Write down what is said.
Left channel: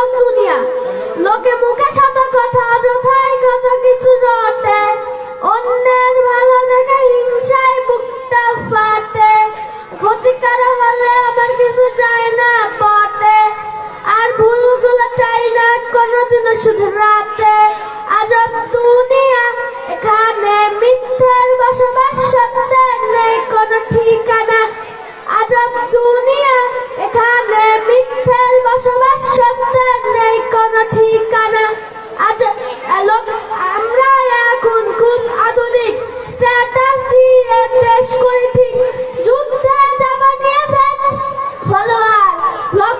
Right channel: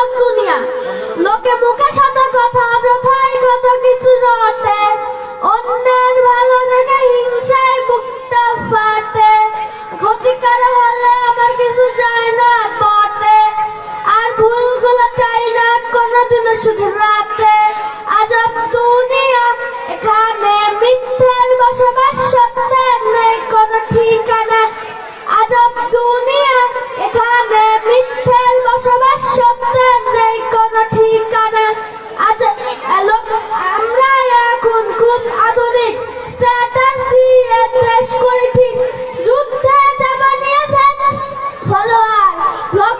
আজব দুনিয়া, লোকে মুখে শত কথা, যথাই কথা কিছু রটে। অন্যের ভালো দেখে হিংসায় বুকটা ফাটে। ক্ষতিকার হলে আমার কিছু যায় না পটে। আর ভুলগুলো চাই না কোনোদিনও শুধরাতে। আজব দুনিয়া, এখানে মিথ্যার বসবাস, সত্যের নেই কোনো ঠিকানা। আজব দুনিয়া, এখানে মিথ্যার বসবাস, সত্যের নেই কোনো ঠিকানা। আমরা এখন খুব আধুনিক, স্ট্যাটাস দিয়ে দেশ করি ঠিক। যুদ্ধে যাবা নিয়ে ফলোয়ার, ব্লক